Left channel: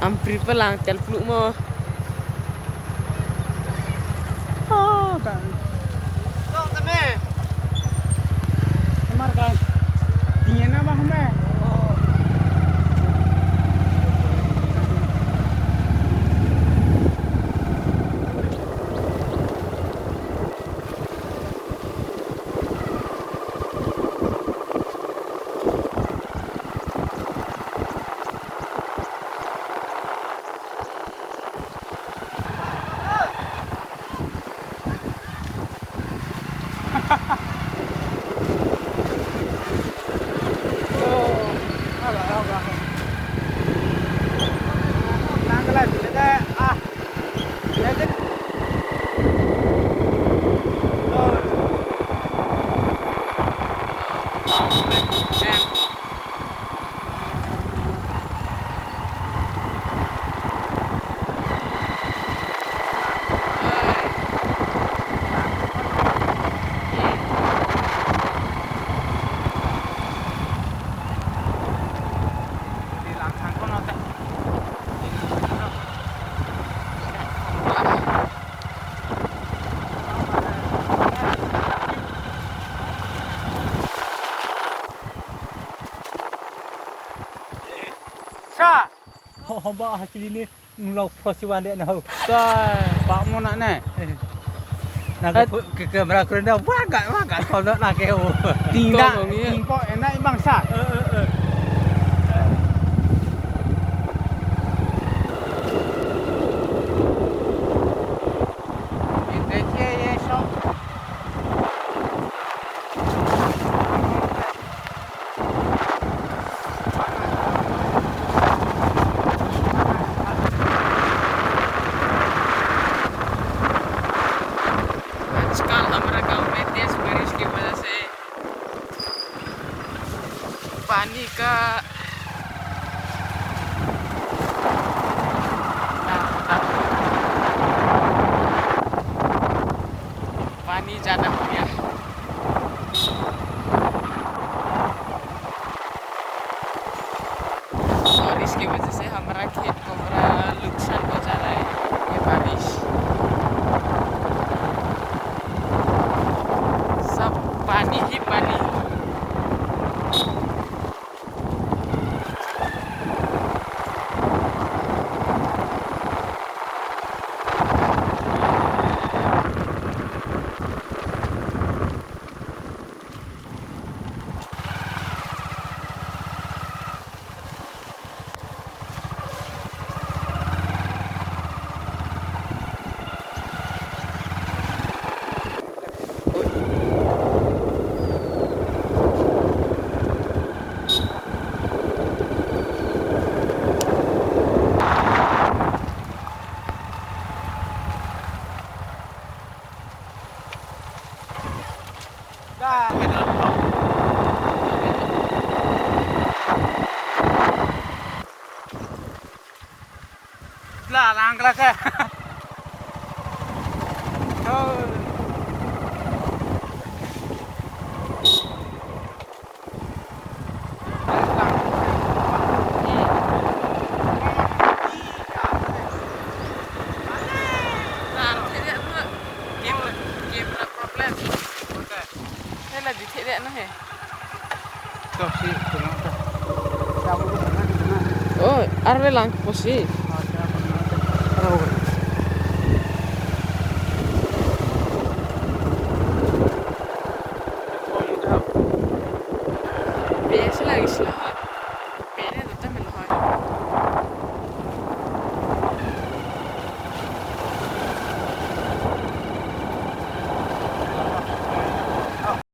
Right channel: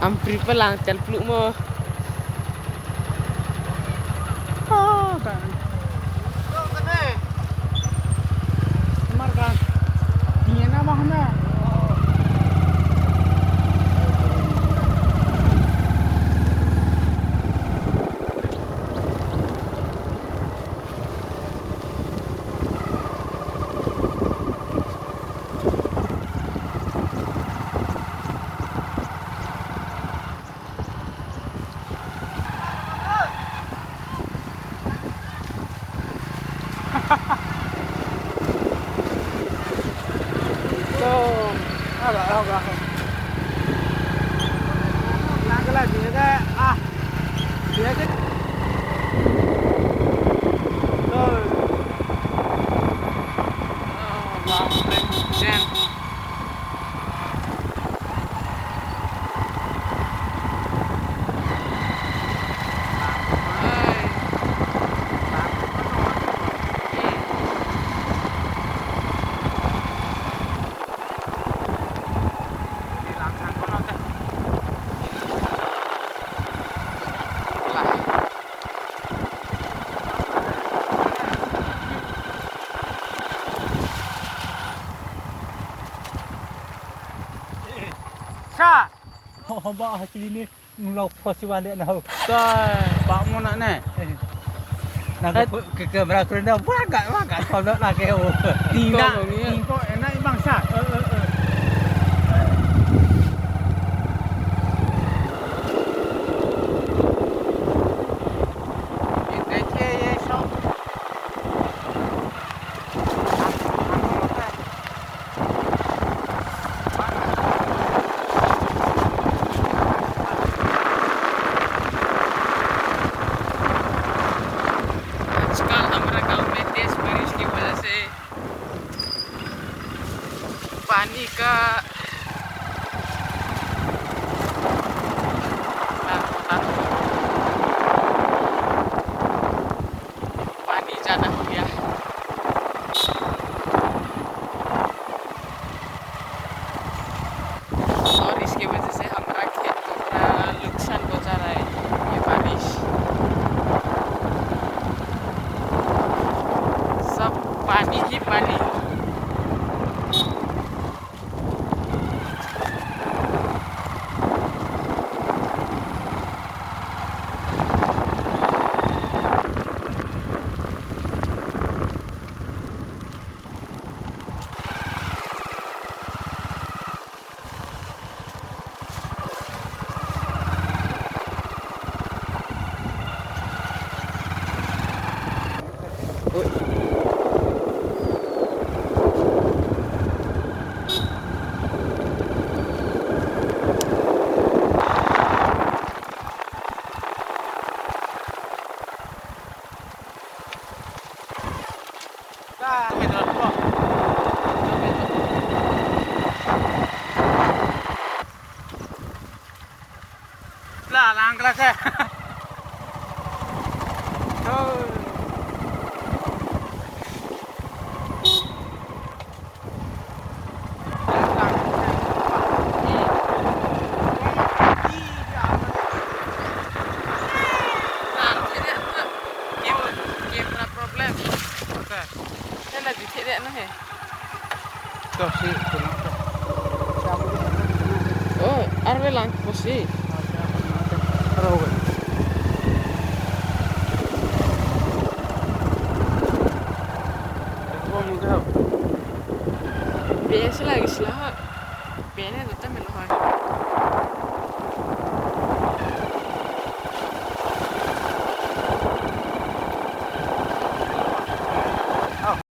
Ampri pelang tel peluk mo. Oh, kan. Kau kene. Kamar kan. Dingin apa hame? Oh, agak agak. Nanggalan dia dah dia je. Oh, Dan di langsang kono teh. Sa. Oh, ba hakili ni nglau festival dia nah. Toi. Pak mo nak ne. Nak ke kamera kerenda wagat kalau nak ke. Tidak. Info enak bangsa. आजकल हमारा गांव में तेज बारिश की वजह से पानी का पानी ज़्यादा हो गया। और इसकी वजह से हमारा खेत को पूरा नुकसान पहुंचा रहा है ये बारिश। सब पानी ही पानी। Dah, betul kok. Lah, langkah saya. Oh. Lagi tidak nah he. Tuh sih, kena tuh. Oh, arve lang posi. Biasa lagi sih lah.